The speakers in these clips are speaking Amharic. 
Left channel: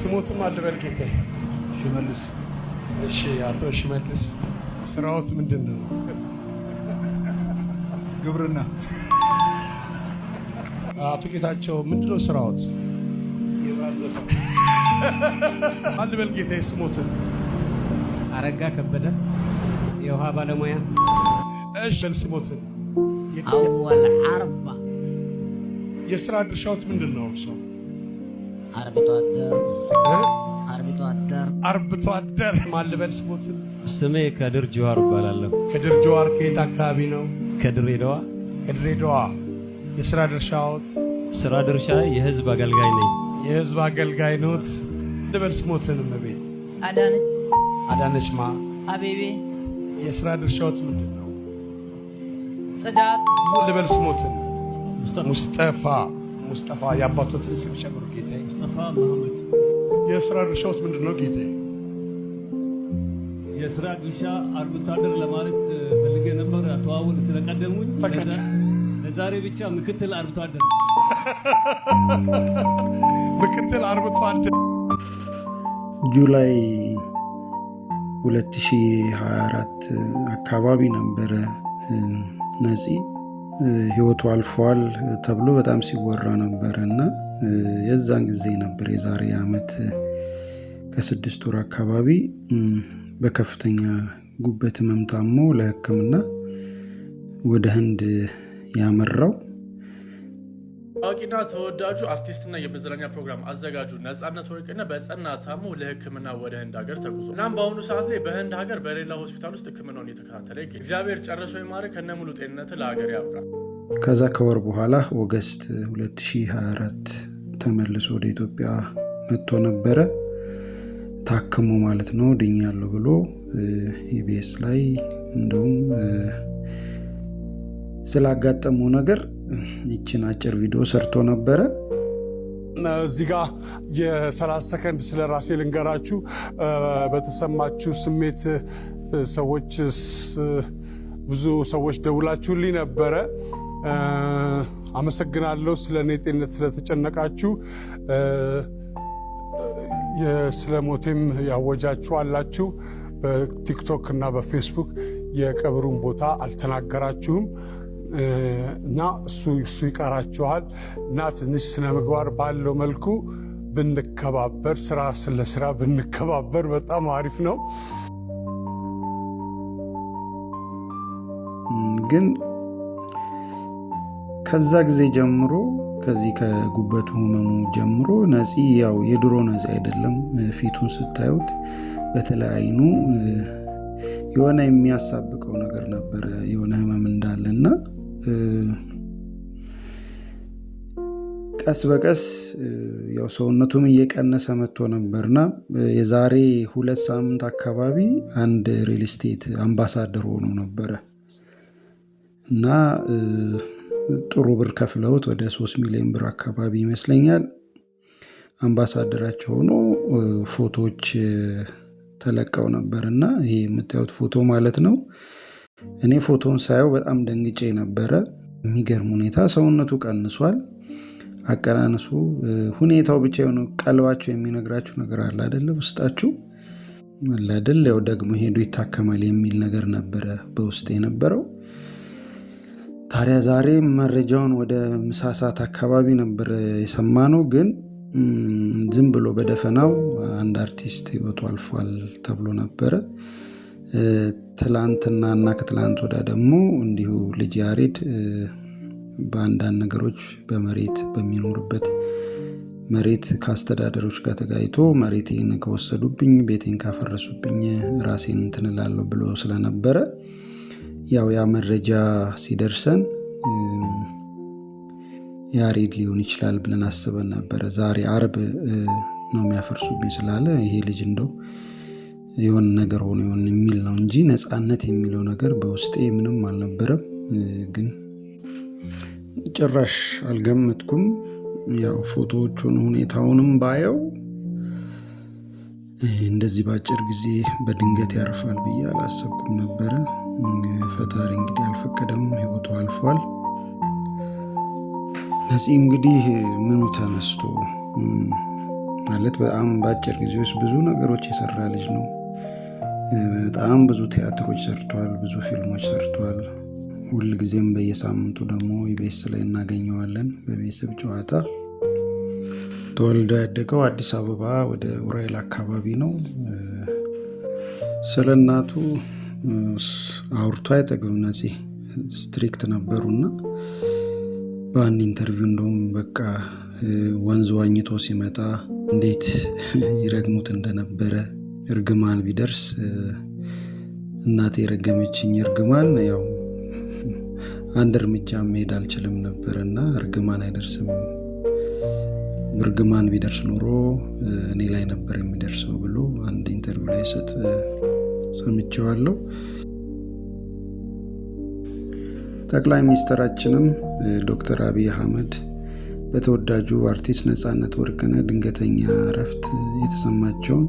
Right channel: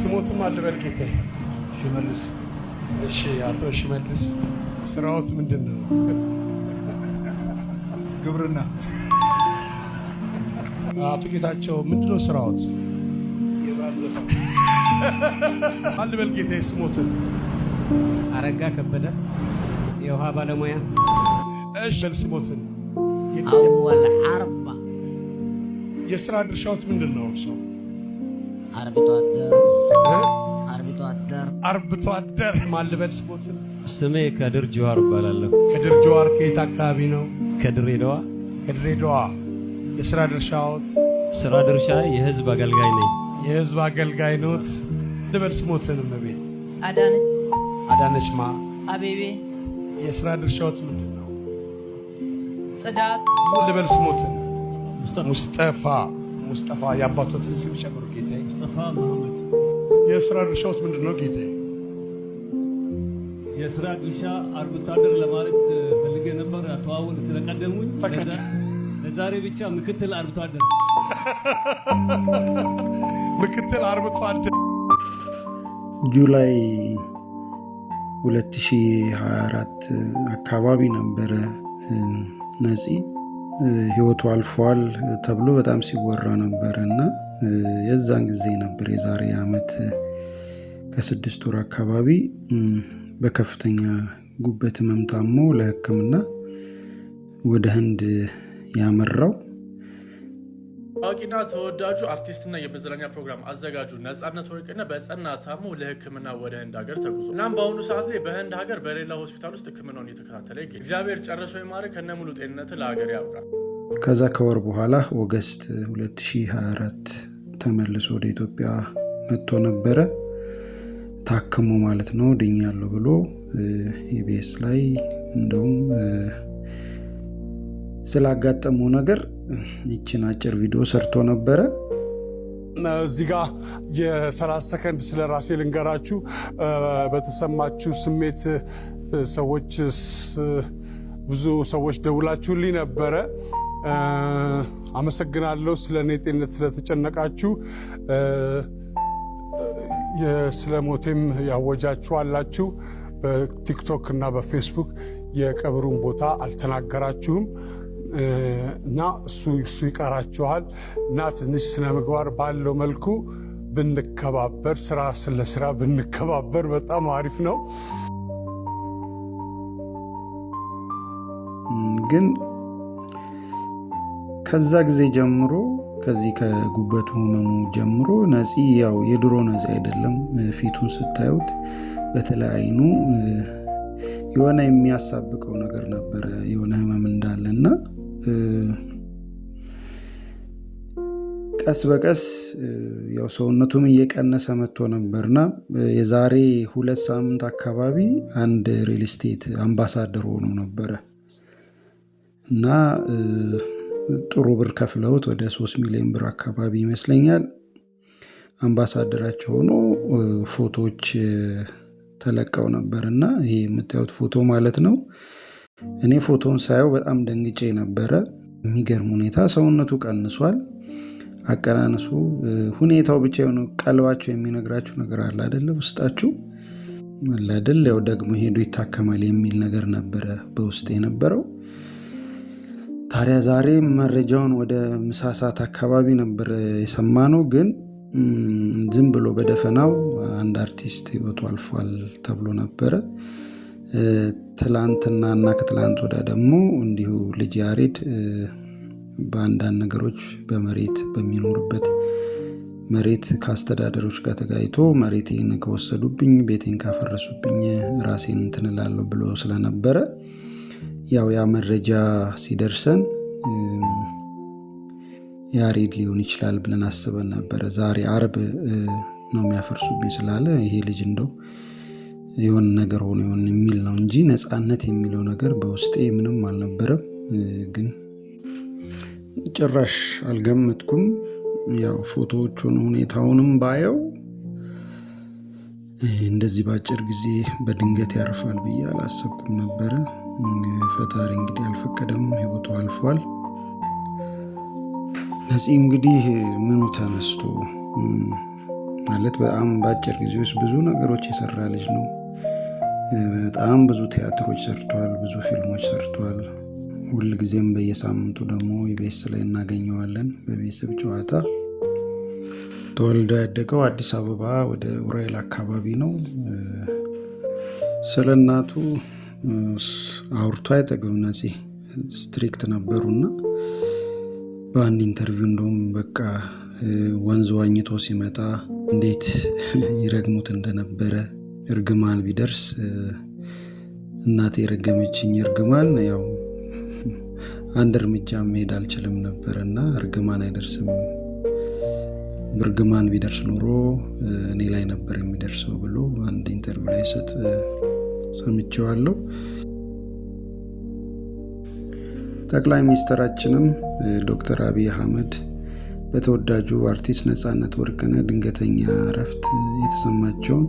ስሞትም አልበል ጌታዬ። ሽመልስ። እሺ አቶ ሽመልስ ስራዎት ምንድነው? ግብርና። አቶ ጌታቸው ምንድነው ስራዎት? የባህር ዘፋኝ። አልበል ጌታዬ ስሞትን። አረጋ ከበደ የውሃ ባለሙያ። እሺ ስሞትን። أول حرب የስራ ድርሻዎት ምንድነው እርሶ? አርብቶ አደር ማልበል ስሞትን። ስሜ ከድር ጀዋር እባላለሁ። ከድር ጀዋር ከየት አካባቢ ነው? ከድሬዳዋ። ከድሬዳዋ። የስራ ድርሻዎት? ስራ ድርሻ የህዝብ አገልጋይ ነኝ። የህዝብ አገልጋይ ኖት። ልበል ስሞትን እመቤት። አዳነች ማ? አቤቤ። የስራ ድርሻዎት ምንድነው? ጽዳት። ልበል ስሞትን። ሙስጠፋ የአባቶትን ስም ጨምሩ ጌታዬ። ሙስጠፋ መሐመድ። የስራ ድርሻዎት ምንድነው ጌታዬ? የስራ ድርሻ አርብቶ አደር ለማለት ፈልጌ ነበር። አቶ አወል ስለቀደሙኝ ለዛሬ ብቻ ምክትል አርብቶ አደር። ምክትል አርብቶ አደር። ጁላይ 2024 አካባቢ ነበረ ነፂ ህይወቱ አልፏል ተብሎ በጣም ሲወራ ነበርና የዛን ጊዜ ነበር የዛሬ አመት ከ6 ወር አካባቢ በከፍተኛ ጉበት ህመም ታሞ ለህክምና ወደ ህንድ ያመራው። ታዋቂና ተወዳጁ አርቲስትና የመዝናኛ ፕሮግራም አዘጋጁ ነጻነት ወርቅነህ በጸና ታሞ ለህክምና ወደ ህንድ ሀገር ተጉዞ እናም በአሁኑ ሰዓት ላይ በህንድ ሀገር በሌላ ሆስፒታል ውስጥ ህክምናውን እየተከታተለ ይገኛል። እግዚአብሔር ጨርሶ ይማረክ፣ ከነሙሉ ጤንነት ለሀገር ያብቃ። ከዛ ከወር በኋላ ኦገስት 2024 ተመልሶ ወደ ኢትዮጵያ መጥቶ ነበረ። ታክሞ ማለት ነው ድኛለሁ ብሎ ኢቢኤስ ላይ እንደውም ስላጋጠመው ነገር ይችን አጭር ቪዲዮ ሰርቶ ነበረ። እዚህ ጋር የ30 ሰከንድ ስለ ራሴ ልንገራችሁ። በተሰማችሁ ስሜት ብዙ ሰዎች ደውላችሁልኝ ነበረ። አመሰግናለሁ። ስለኔ ጤንነት ስለተጨነቃችሁ። ስለሞቴም ያወጃችሁ አላችሁ። በቲክቶክ እና በፌስቡክ የቀብሩን ቦታ አልተናገራችሁም እና እሱ ይቀራችኋል እና ትንሽ ስነ ምግባር ባለው መልኩ ብንከባበር፣ ስራ ብንከባበር በጣም አሪፍ ነው። ግን ከዛ ጊዜ ጀምሮ ከዚህ ከጉበቱ ህመሙ ጀምሮ ነፂ ያው የድሮ ነፂ አይደለም። ፊቱን ስታዩት በተለይ አይኑ የሆነ የሚያሳብቀው ነገር ነበረ፣ የሆነ ህመም እንዳለና ቀስ በቀስ ያው ሰውነቱም እየቀነሰ መጥቶ ነበርና የዛሬ 2 ሳምንት አካባቢ አንድ ሪል ስቴት አምባሳደር ሆኖ ነበረ እና ጥሩ ብር ከፍለውት ወደ 3 ሚሊዮን ብር አካባቢ ይመስለኛል አምባሳደራቸው ሆኖ ፎቶዎች ተለቀው ነበርና ይሄ የምታዩት ፎቶ ማለት ነው። እኔ ፎቶን ሳየው በጣም ደንግጬ ነበረ። የሚገርም ሁኔታ ሰውነቱ ቀንሷል። አቀናነሱ ሁኔታው ብቻ ነው። ቀልባችሁ የሚነግራችሁ ነገር አለ አይደለ? ውስጣችሁ ለድል ያው ደግሞ ሄዶ ይታከማል የሚል ነገር ነበረ በውስጤ የነበረው። ታዲያ ዛሬ መረጃውን ወደ ምሳ ሰዓት አካባቢ ነበር የሰማነው። ግን ዝም ብሎ በደፈናው አንድ አርቲስት ህይወቱ አልፏል ተብሎ ነበረ። ትላንትናና ከትላንት ወዲያ ደግሞ እንዲሁ ልጅ ያሬድ በአንዳንድ ነገሮች በመሬት በሚኖርበት መሬት ከአስተዳደሮች ጋር ተጋይቶ መሬቴን ከወሰዱብኝ፣ ቤቴን ካፈረሱብኝ ራሴን እንትን እላለሁ ብሎ ስለነበረ ያው ያ መረጃ ሲደርሰን ያሬድ ሊሆን ይችላል ብለን አስበን ነበረ። ዛሬ አርብ ነው የሚያፈርሱብኝ ስላለ ይሄ ልጅ እንደው የሆነ ነገር ሆኖ ይሆን የሚል ነው እንጂ ነጻነት የሚለው ነገር በውስጤ ምንም አልነበረም። ግን ጭራሽ አልገመትኩም። ያው ፎቶዎቹን ሁኔታውንም ባየው እንደዚህ ባጭር ጊዜ በድንገት ያርፋል ብዬ አላሰብኩም ነበረ። ፈጣሪ እንግዲህ አልፈቀደም፣ ህይወቱ አልፏል። ነፂ እንግዲህ ምኑ ተነስቶ ማለት በጣም በአጭር ጊዜ ውስጥ ብዙ ነገሮች የሰራ ልጅ ነው። በጣም ብዙ ቲያትሮች ሰርቷል፣ ብዙ ፊልሞች ሰርቷል። ሁል ጊዜም በየሳምንቱ ደግሞ ኢቢኤስ ላይ እናገኘዋለን በቤተሰብ ጨዋታ። ተወልዶ ያደገው አዲስ አበባ ወደ ኡራኤል አካባቢ ነው። ስለ እናቱ አውርቶ አይጠግብም። ነፂ ስትሪክት ነበሩና በአንድ ኢንተርቪው እንደውም በቃ ወንዝ ዋኝቶ ሲመጣ እንዴት ይረግሙት እንደነበረ እርግማን ቢደርስ እናቴ የረገመችኝ እርግማን ያው አንድ እርምጃ መሄድ አልችልም ነበርና እርግማን አይደርስም፣ እርግማን ቢደርስ ኖሮ እኔ ላይ ነበር የሚደርሰው ብሎ አንድ ኢንተርቪው ላይ ሰምቼዋለሁ። ጠቅላይ ሚኒስትራችንም ዶክተር አብይ አህመድ በተወዳጁ አርቲስት ነጻነት ወርቅነህ ድንገተኛ እረፍት የተሰማቸውን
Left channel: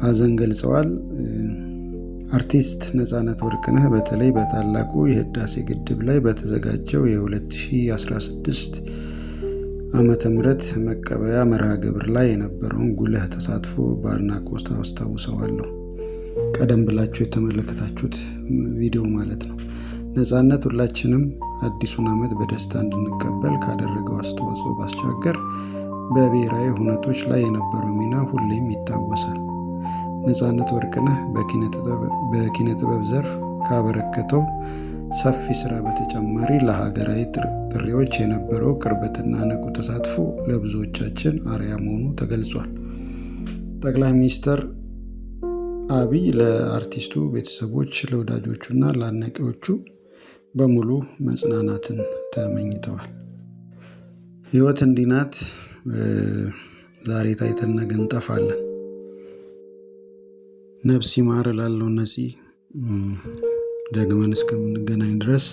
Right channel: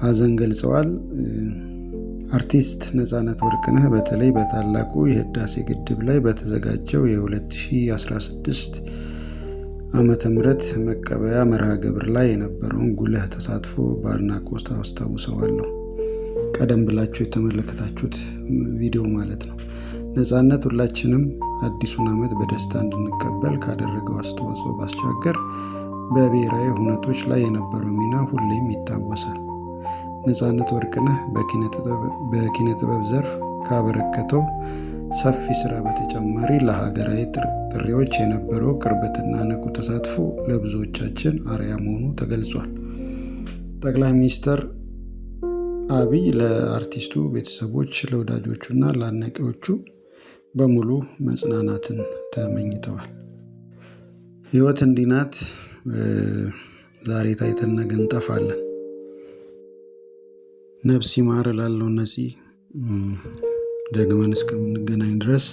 ሀዘን ገልጸዋል። አርቲስት ነጻነት ወርቅነህ በተለይ በታላቁ የህዳሴ ግድብ ላይ በተዘጋጀው የ2016 ዓመተ ምህረት መቀበያ መርሃ ግብር ላይ የነበረውን ጉልህ ተሳትፎ በአድናቆት አስታውሰዋለሁ። ቀደም ብላችሁ የተመለከታችሁት ቪዲዮ ማለት ነው። ነጻነት ሁላችንም አዲሱን ዓመት በደስታ እንድንቀበል ካደረገው አስተዋጽኦ ባሻገር በብሔራዊ ሁነቶች ላይ የነበረው ሚና ሁሌም ይታወሳል። ነጻነት ወርቅነህ በኪነ ጥበብ ዘርፍ ካበረከተው ሰፊ ስራ በተጨማሪ ለሀገራዊ ጥሪዎች የነበረው ቅርበትና ንቁ ተሳትፎ ለብዙዎቻችን አርአያ መሆኑ ተገልጿል። ጠቅላይ ሚኒስትር አብይ ለአርቲስቱ ቤተሰቦች፣ ለወዳጆቹና ለአድናቂዎቹ በሙሉ መጽናናትን ተመኝተዋል። ህይወት እንዲህ ናት። ዛሬ ታይተን ነገ እንጠፋለን። ነፍስ ይማር እላለሁ። ነፂ ደግመን እስከምንገናኝ ድረስ